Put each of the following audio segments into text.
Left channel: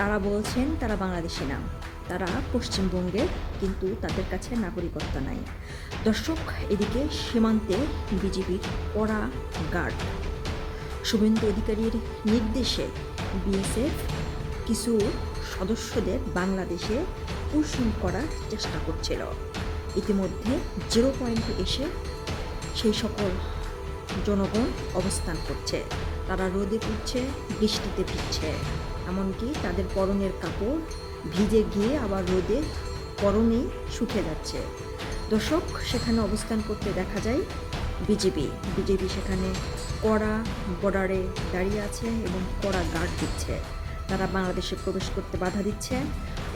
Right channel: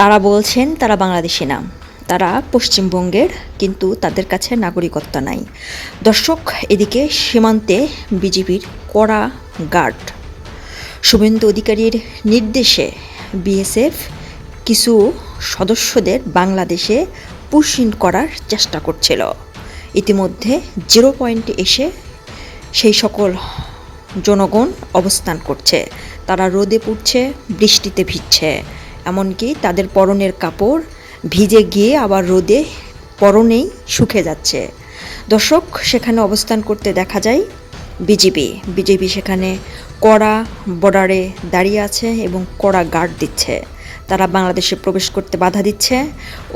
তারা বলছেন তারা বাংলাদেশি না, তারা পশ্চিমবঙ্গের, কিন্তু তাদের কাছে নাগরিকত্ব নাই। দর্শক, এদিকে সীমান্তে বিজিবির কড়া গার্ড। শুভেন্দু অধিকারীর নির্দেশে বিএসএফ কিছু সদস্যদের বাংলাদেশে পুশ ইন করার চেষ্টা করছিল। ইতিমধ্যে 0 পয়েন্টে এসে সেই সকল জনগণ অবস্থান করছে। তারা রোদে পুড়ছে, বৃষ্টিতে ভিজছে, এমনকি তাদের পরনের কাপড় ভিজে গিয়ে আবার রোদে পরনেই শুকিয়ে যাচ্ছে। দর্শক, সেখানে অবস্থান করতে দেখা যায় বিজেপি সেখানে কড়া বর্ডারে দাঁড়িয়ে আছে এবং কড়া গার্ড দিচ্ছে। তারা বাংলাদেশে প্রবেশ করতে বাধা দিচ্ছে।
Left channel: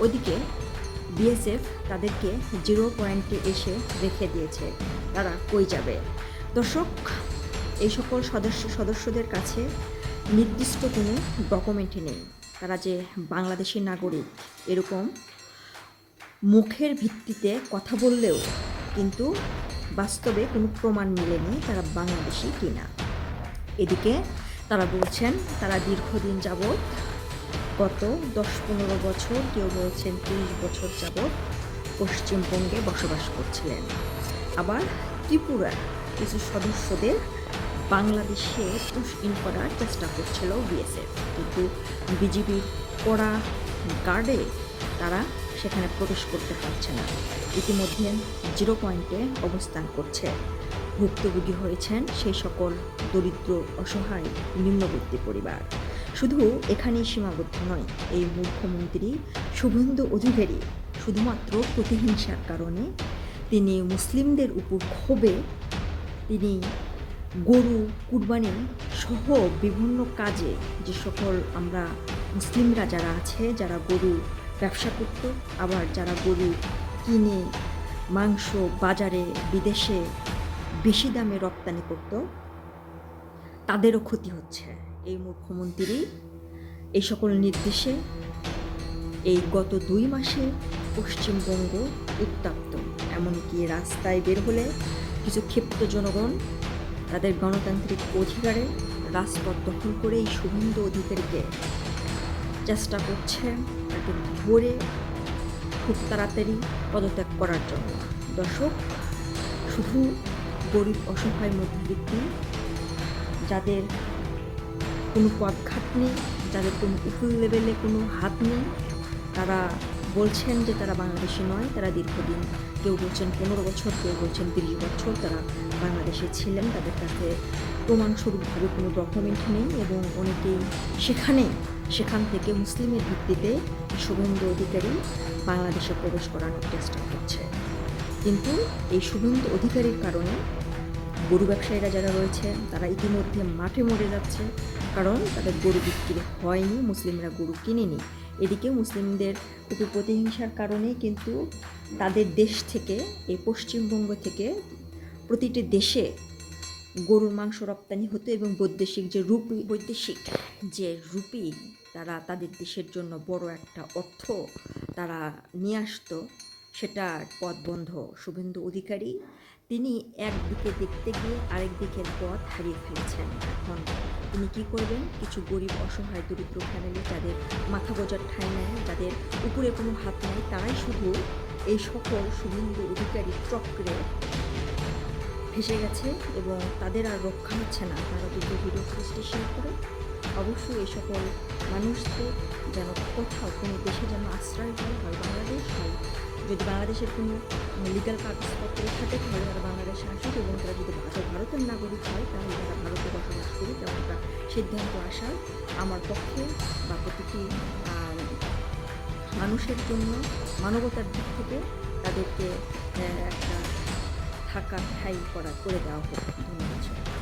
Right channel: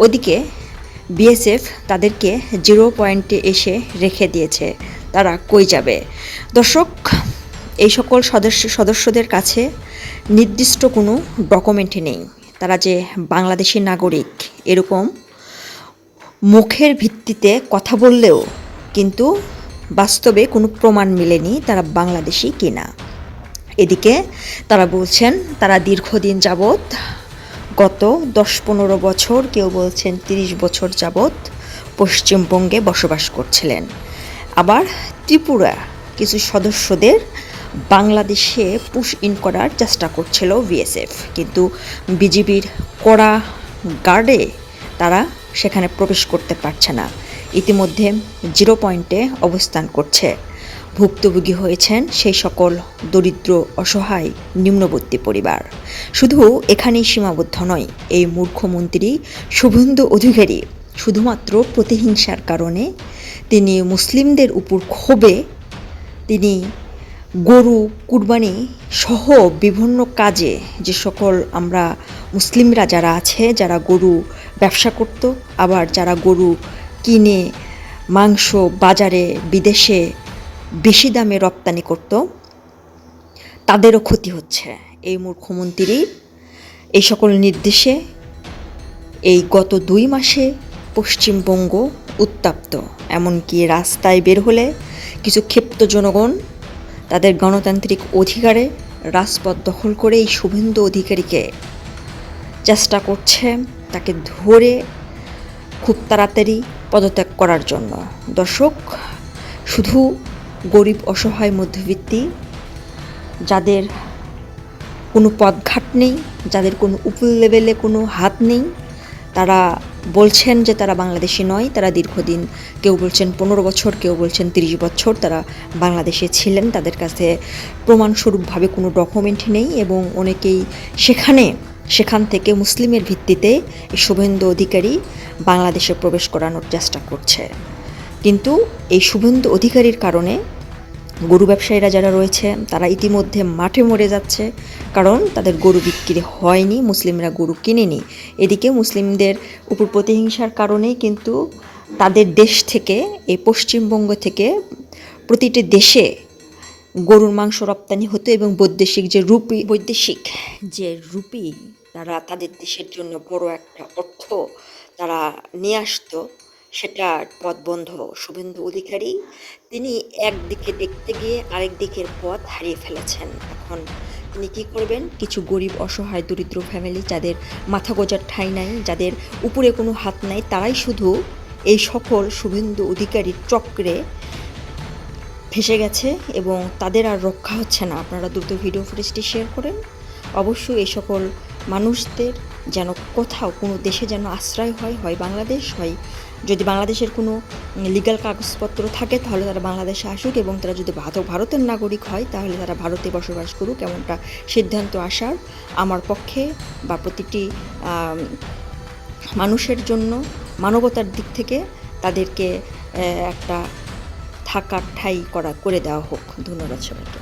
ওদিকে বিএসএফ তাদেরকে 0 পয়েন্টে এসে রেখে দিয়েছে। তারা কই যাবে? দর্শক, এই সকল সদস্যদের কাছে নির্দিষ্ট কোনো ডকুমেন্টই নেই। তারা যে বাংলাদেশি নাগরিক এরকম মুখের ভিত্তিতে কথা বললেও কিন্তু বাস্তবে কোনো প্রমাণ মেলেনি তারা বাংলাদেশি কিনা। এদিকে তারা বলছেন তারা দীর্ঘদিন যাবৎ, গত 10-15 বছর, কেউ বলছেন 30 বছর যাবৎ পশ্চিমবঙ্গে বসবাস করছিলেন। আবার ত্রিপুরা কিছু সদস্যদের বাংলাদেশে পুশ ইন করার চেষ্টা করছিল বিএসএফ, কিন্তু বিজিবির কড়া গার্ডে তারা সেখানে প্রবেশ করতে পারছে না। ইতিমধ্যে 0 পয়েন্টে অবস্থান করছে। ভুক্তভোগী হয়েছেন সেই সকল দরিদ্র, অসহায়, নিম্নবর্তী পরিবার। শুধু এখানেই সীমাবদ্ধ নয়, এই মূর্খমন্ত্রী শুভেন্দু অধিকারী শুধুমাত্র প্রতিহিংসার কারণে তিনি মুসলিমদের উপর ক্ষোভে তিনি গরু কুরবানি সহ বিভিন্ন কাজে, যে সকল আমরা মুসলিমরা যারা আছে, যারা গরু ব্যবসা করত, আবার যারা গরু কিনে মাংস বাজারে বিদেশে বেশি দামে রপ্তানি করত, তাদেরও ক্ষতি হচ্ছে। এই মুখ্যমন্ত্রী এই সকল নির্দেশে এই গত 2 মাসে পশ্চিমবঙ্গ উত্তপ্ত। এমনকি রাস্তায় বের হলে কিছু ক্ষিপ্ত জনগণ তাদের গণতান্ত্রিক অধিকারে রাজপথ দখল করে এই শুভেন্দু অধিকারীকে চেষ্টা করছে তাকে ধরে খুব তাড়াতাড়ি পদত্যাগ করার জন্য। দর্শক, শুধু গরিব, অসহায়, মধ্যবিত্তি, যাদের কোনো পথঘাট নেই, যাদের কোনো উপর লেভেলে কোনো হাত নেই, তারা বলছেন যে তারা বাংলাদেশি নয়। তারা দীর্ঘদিন, কেউ বলছেন 15 বছর, কেউ বলছেন 30 বছর তারা বাংলাদেশে ছিলেন। তাদের কাছে প্রমাণস্বরূপভাবে কোনো ডকুমেন্ট নেই এবং অনেকেই সেখান থেকে মুসলিমের ভিত্তিতে শুভেন্দু অধিকারী বাংলাদেশে প্রবেশ করানোর চেষ্টা করছে। কিন্তু এই শুভেন্দু অধিকারীর কারণে গরু ব্যবসায়ীরা যারা রয়েছে তারা ইতিমধ্যে মাঠে মরে যাচ্ছে, কারণ তাদের গরু বিক্রি হয়নি, মুসলিমরা গরু কিনেনি। এদিকে মুসলিমদের উপর প্রতিহিংসার কারণেই কিন্তু তাদের দেশ থেকে, এই পশ্চিমবঙ্গ থেকে প্রতিটি দেশে গরুর মাংস রপ্তানি হতো এবং বৈদেশিক যে রুপি তারা তাদের দেশের জন্য বড় একটা অর্থ তারা নিয়ে আসতো, সেটার পথ বন্ধ। শুভেন্দু অধিকারী তিনি একদিকে দেখতে গিয়ে আরেক দিকের পথ হারিয়ে ফেলেছেন। এখন তিনি কী করবেন? কিছু গরিব, অসহায়, দরিদ্র ফ্যামিলি, যাদের মাথা গোজার ঠাঁই নাই, যাদের উপরে কোনো হাত নাই, তারাই শুধু এই সকল শুভেন্দু অধিকারীর চক্রে ফেসে গেছে এবং তাদের আর রক্ষা হচ্ছে না। আপনারা দ্রুত ভিডিও ফুটেজটি শেয়ার করেন। অবশ্যই এই সকল মানুষদের যেন কোথাও কোনো দেশে যেন আশ্রয় হয় বাংলাদেশ, হয় যদি বাংলাদেশের কোনো লিগ্যাল কাগজপত্র থাকে তাহলে তারা বাংলাদেশে আসুক, এবং তারা যদি ভারতের নাগরিক হয় তাহলে তারা ভারতে বসবাস করুক। এমনটা সিদ্ধান্ত আসার আমার পক্ষে বা প্রতিটি মানুষের জন্য মানবতার দিক থেকে তাদেরকে একটা থাকার ঠাঁই করে দেওয়া হোক। ধন্যবাদ সবাইকে।